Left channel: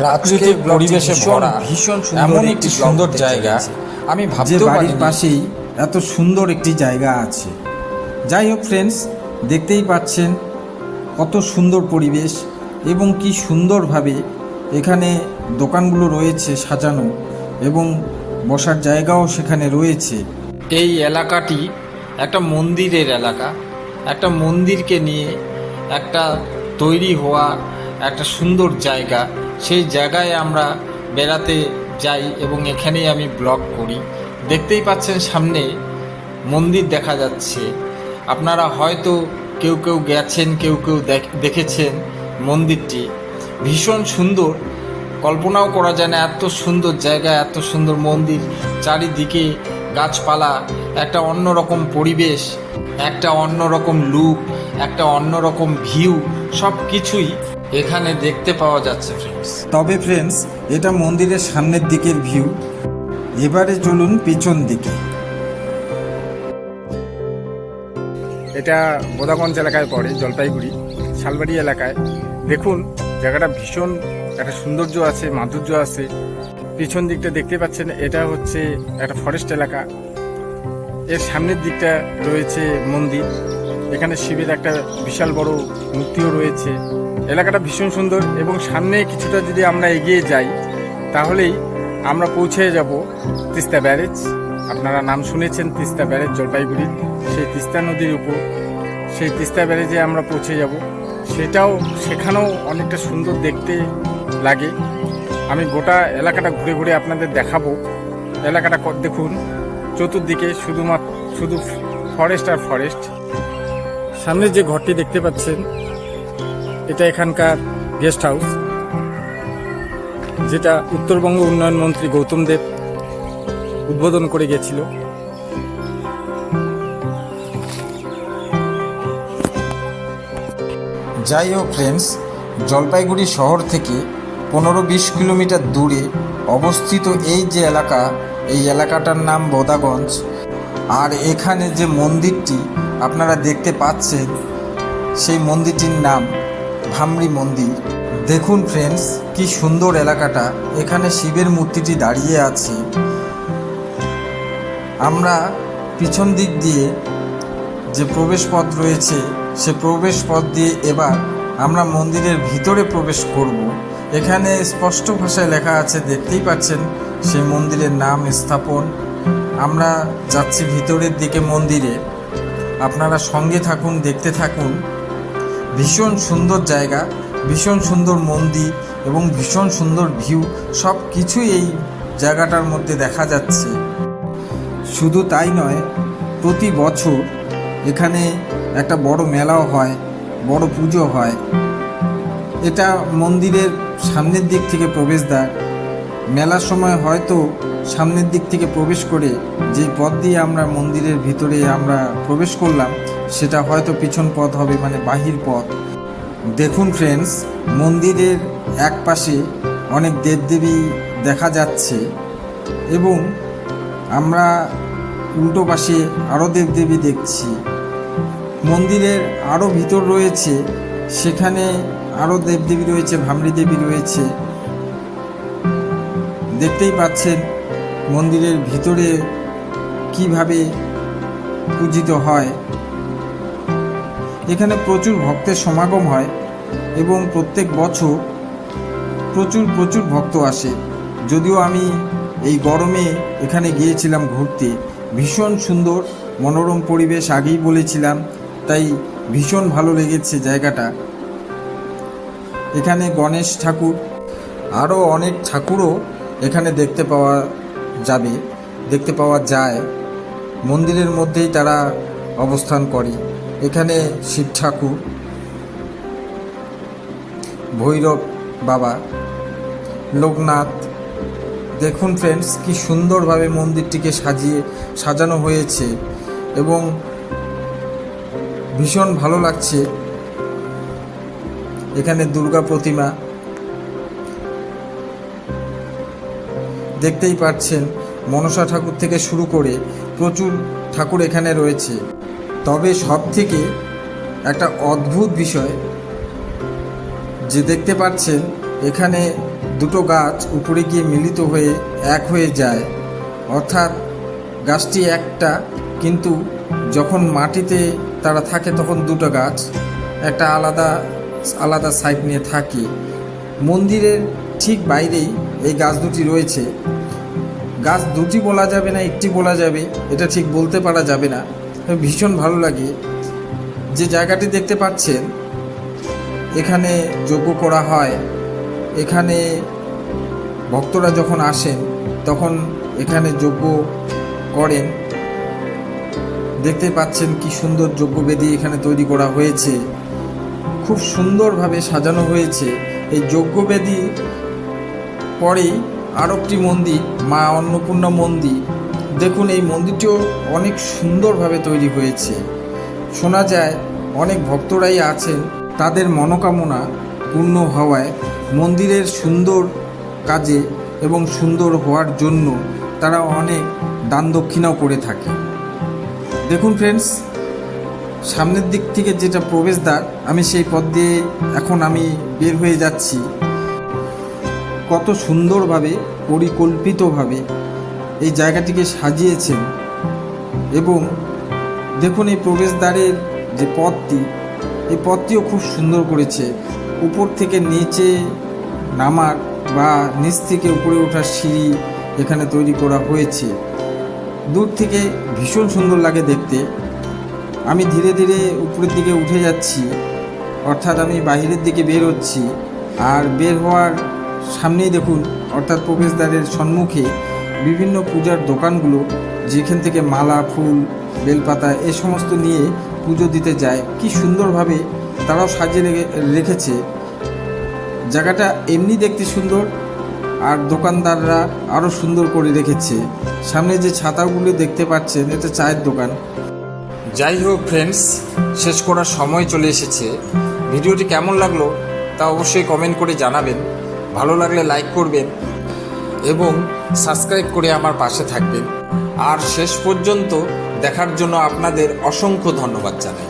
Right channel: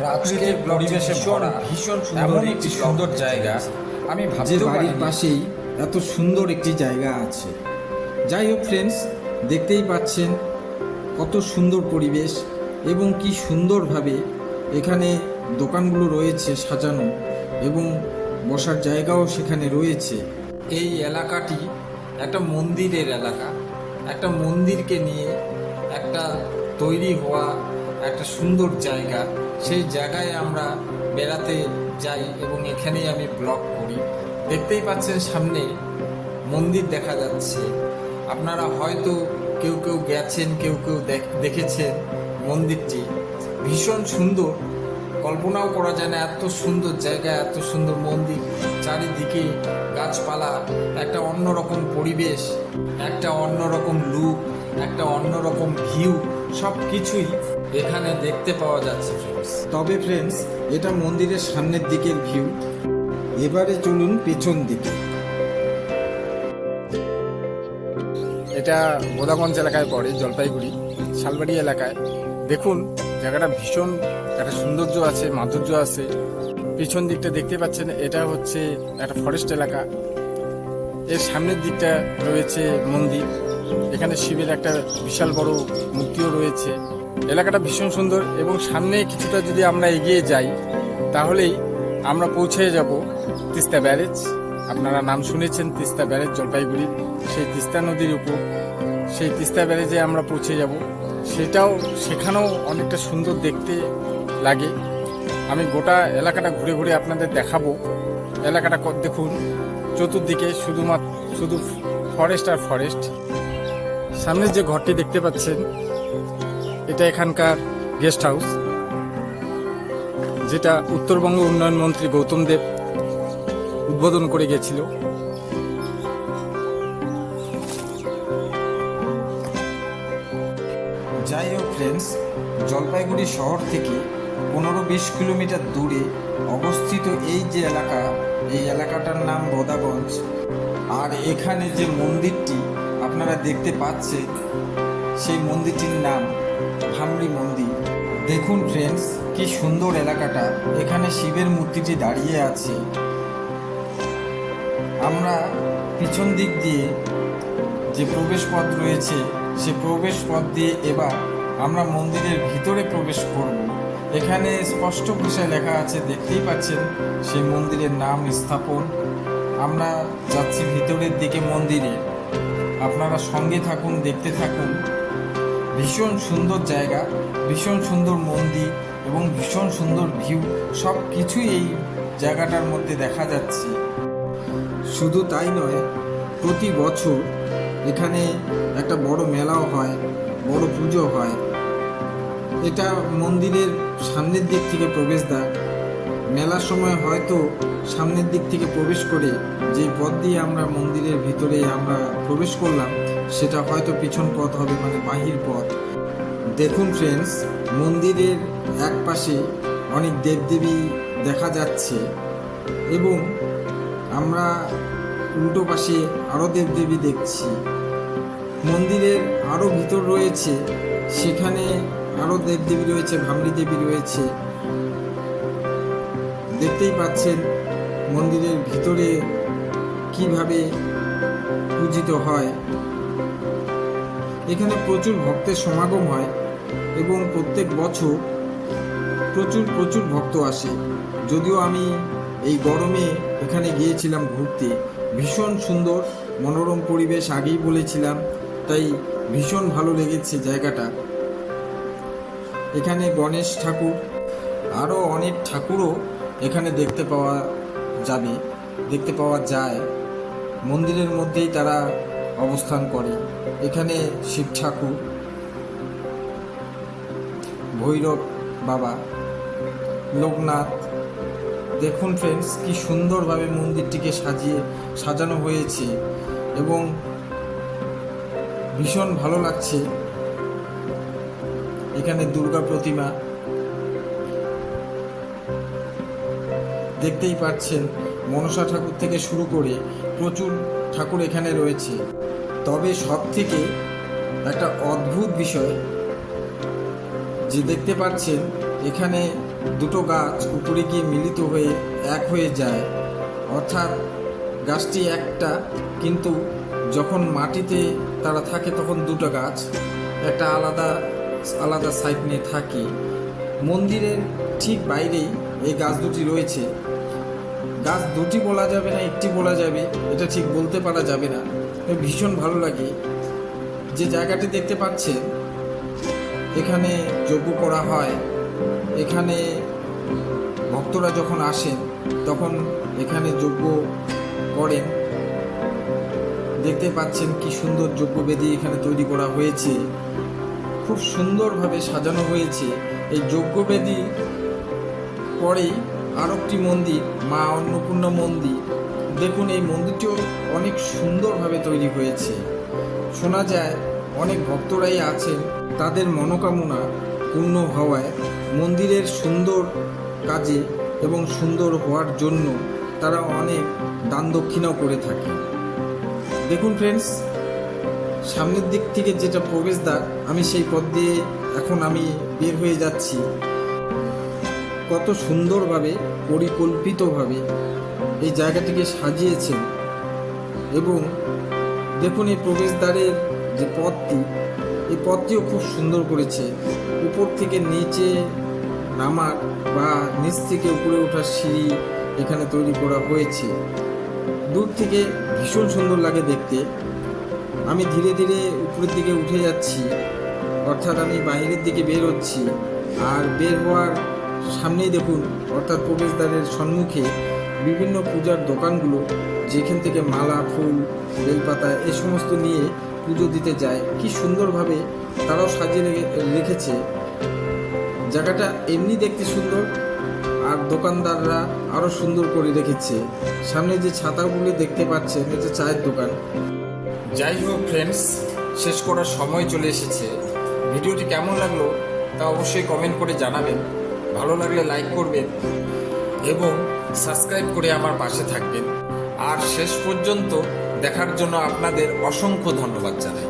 প্রাকৃতিক পরিবেশে ভরা ভীষণ এমন সুন্দর একটি সুন্দর জায়গা আমি যে ভাবতেও বাড়ির পারিনি। পাশেই এত সুন্দর একটি জায়গা আছে। যাই হোক ফ্রেন্ডস, দেখতেই পাচ্ছেন কত সুন্দর পরিবেশ এবং কি সুন্দরভাবে এখানে দোকানগুলো রয়েছে সাজানো এবং বসার জায়গাও সেখানে রয়েছে। এই এলাকাটি একটা মন্দিরের এলাকা, একটা মন্দিরকে নিয়ে একটা তৈরি হওয়া একটা সুন্দর জায়গা। সেই জায়গায় আমরা বেড়াতে যাই এবং এখানেই আমি ব্লগ করি। দেখতেই পাচ্ছেন সামনে মন্দির দেখা যাচ্ছে। আপনারা হয়তো কেউ কেউ গেছেন, কেউ কেউ দেখেছেন। মন্দিরটি ভীষণ সুন্দর, কল্পনাও করা যায় না এত সুন্দর জায়গা, এত সুন্দর মন্দির, চারিদিকে গাছপালা, একটা অন্যরকম পরিবেশ, একটা অন্যরকম লুক, একটা অন্যরকম ভিউ, সব কিছুই এখানে দেখতে পাওয়া যাচ্ছে ফ্রেন্ডস। তবে ফ্রেন্ডস, এটা মন্দিরের সামনের দিকের ভিউ। এবারে চলুন পেছন দিকে। এটা বোদাগঞ্জ এলাকায় পড়ে, জলপাইগুড়ি শালবাড়ি এলাকায়। দেখুন জায়গাটা ভীষণ একটা সৌন্দর্য আছে, মাধুর্য আছে। পিছন দিকটা দেখতে পাচ্ছেন, এটা হচ্ছে একটা ফরেস্ট এলাকা। এর সামনের দিকটা রয়েছে মন্দির। এখানে শিবের একটা বিশাল বড় মূর্তিও রয়েছে। এলাকাটা ভীষণ সুন্দর এবং সামনে কিছুটা যদি আমরা এগিয়ে যাই তাহলেই আমরা পৌঁছে যাব তিস্তা ব্যারেজ। আপনারা নাম শুনেছেন তিস্তা ব্যারেজ, জলপাইগুড়ি। সেই তিস্তা নদীর উপর সেই তিস্তা ব্যারেজে আমরা পৌঁছে যাব। সেখানেও অনেকটা সুন্দর দেখতে লাগে। আমি গোটা এলাকাটা ঘুরে ঘুরে আপনাদের দেখাবো। এলাকাটা দেখুন, চতুর্দিকে শুধু ফরেস্ট আর ফরেস্ট। সামনে যে ঘরটি দেখতে পাচ্ছেন, এটা এখানকার গেস্ট হাউস, যেটা উত্তরবঙ্গ উন্নয়ন মন্ত্রী গৌতম দেব উদ্বোধন করে গেছিল। যাই হোক ফ্রেন্ডস, জলপাইগুড়ি শহর থেকে 15-20 কিলোমিটার দূরে অবস্থিত এই যে এলাকা, এই এলাকাটার নাম বোদাগঞ্জ। আর এখানে যে মন্দিরটি আপনারা দেখতে পাচ্ছেন, সেই মন্দিরটির নাম ভামরি মন্দির। দেখুন ফ্রেন্ডস, কি সুন্দর এলাকাটা। এখানে শিবের মূর্তিটি দাঁড়িয়ে আছে। আমরা পিছন দিক দিয়ে যে প্রবেশ পথ রয়েছে, সে প্রবেশ পথ দিয়ে এবার আমরা মন্দিরের ভিতরে প্রবেশ করব। এখানে স্পষ্ট ভাষায় লেখা আছে, দেখতেই পাচ্ছেন সেই মন্দিরের নাম, স্থাপন। আমরা যাচ্ছি ভিতরের দিকে মন্দিরে। আপনারা সঙ্গে থাকুন, দেখতে থাকুন। ভীষণ সুন্দর জায়গা, ভীষণ সুন্দর মন্দির এবং ভীষণ সুন্দর ভিউ, সব কিছুই এই জায়গাটার মধ্যে দেখা যাচ্ছে। শুধু তাই নয়, প্রতি বছর এখানে একটা বড় মেলাও হয়, বড় পুজো হয়। এটা মন্দিরের সামনের দিক থেকে প্রবেশদ্বার। মেলার সময় হয়তো সামনের দিক থেকে প্রবেশ করে যে পথ দিয়ে আমরা মন্দিরের ভিতরে আমরা প্রবেশ করলাম, সেটা হয়তো পিছন পথ হবে, মানে বাহির পথ। দেখুন ফ্রেন্ডস, মন্দিরের এক পাশে অনেক দেবদেবী দেখা যাচ্ছে এবং আমরা উল্টো পাশে আরও দেবদেবী দেখছি। মন্দিরের আরও ভিতর রয়েছে, সেখানে আরও দেবদেবী রয়েছে, ভামরি দেবী রয়েছে। দেখতেই পাচ্ছেন মন্দিরের ভিতরে কিভাবে পূজিত হয়। এখানে প্রচুর ভক্তের সমাগম হয় এবং প্রত্যেক বছর প্রচুর ভক্ত আসে। যদিও আমি এই গরমে এখানে গিয়েছিলাম ঘুরতে। ভীষণ সুন্দর মনোরম পরিবেশ, আগেই বলেছিলাম, তাই ভীষণ ভালো লেগেছে জায়গাটা। এখানে গণেশ ঠাকুর, আরও অনেক ঠাকুরও এখানে দেখতে পাওয়া যায়। মন্দিরের মধ্যেই তারা অবস্থান করে। এখানে শিব ঠাকুর, ভৈরব বাবা, লোকনাথ। দেখুন ফ্রেন্ডস, কি সুন্দরভাবে মন্দিরটিকে সাজানো হয়েছে এবং ভীষণ ভালো লাগছে। এখানে দুর্গা প্রতিমা দেখতেই পাচ্ছেন। মনসা ঠাকুর থেকে শুরু করে প্রচুর ঠাকুর এখানে রয়েছে। তবে সব থেকে একটা অদ্ভুত বিষয় যে দেখতে পাচ্ছেন, এখানে দুটো গাছ উপরে গিয়ে মিলিত হয়ে এক হয়ে যায়, অর্থাৎ গাছটি একটা, কিন্তু যখন মাটিতে তারা থাকে তখন দুটো গাছ একটা আলাদা আলাদা সাইড নিয়ে থাকে। মন্দিরের ঠিক বাইরেই এই গাছ দুটি রয়েছে। গাছ দুটি বলা যাবে না একটি বলা যাবে, এটা ঠিক বলতে পারা যাবে না। ভীষণ ভালো লাগে। যে জায়গাটি দেখতে পাচ্ছেন এখানে যজ্ঞ করা হয়। এখানে ভক্তরা যখন আসেন তখন এখানে যজ্ঞ করেন। দেখতে পাচ্ছেন কি সুন্দর যজ্ঞবেদী এখানে তৈরি করা হয়েছে, খুব সুন্দরভাবে সাজানো হয়েছে। এই যজ্ঞবেদী পরেই আর একটি মন্দির, মা অন্নপূর্ণা মন্দির। দেখুন এই মন্দিরটিও অনেক সুন্দরভাবে তৈরি হয়েছে। শোনা যায় অনেক ভক্তরাই আছেন, তাদের মনোকামনা পূর্ণ হওয়ায় মন্দিরের সুন্দর কাজে এবং সুন্দর হওয়ার জন্য তারা অনেক দান দক্ষিণাও করে থাকে। দেখুন ফ্রেন্ডস, সামনের দিক থেকে যেটা প্রবেশদ্বার, আমি সেই পথ দিয়ে এখন আমি বের হয়ে যাচ্ছি। কত সুন্দরভাবে পরিকল্পিতভাবে এই জায়গাটিকে সাজিয়েছেন। এবং দেখুন এই প্রবেশদ্বারের যে পথটি, এই পথটিও খুব সুন্দর করেছে। উপর থেকে নিচে নামার বা নিচ থেকে উপরে ওঠার সিঁড়ি এখানে তৈরি করা হয়েছে। দূর থেকে ভীষণ সুন্দর লাগে দেখতে। আমি ধীরে ধীরে উপরের দিকে উঠে যাচ্ছি, অর্থাৎ আমি বাইরের দিকে বের হচ্ছি। আর বের হওয়ার সামনেই দেখুন, অর্থাৎ প্রবেশদ্বারের সম্মুখে বিভিন্ন পূজার দোকানগুলো, যেখান থেকে মালা, ফুল, বেলপাতা এ সমস্ত নিয়ে পুজো দিতে যায়। কি সুন্দরভাবে তারাও সাজিয়ে রেখেছে। জায়গাটা এমনি দেখতে সুন্দর, আর দোকানদাররা আরও সুন্দর করে রেখেছে। সামনে যে ছাতাগুলো দেখতে পাচ্ছেন, এটা চায়ের দোকান। যাই হোক ফ্রেন্ডস, শেষ করার সময় চলে এসেছে। ভিডিওটি কেমন লাগলো তা অবশ্যই কমেন্ট করে জানাবেন। ভালো লাগলে লাইক করবেন এবং সাবস্ক্রাইব করে আমার পাশে থাকবেন। আর শেষ পর্যন্ত দেখার জন্য আপনাদের অসংখ্য ধন্যবাদ জানাই।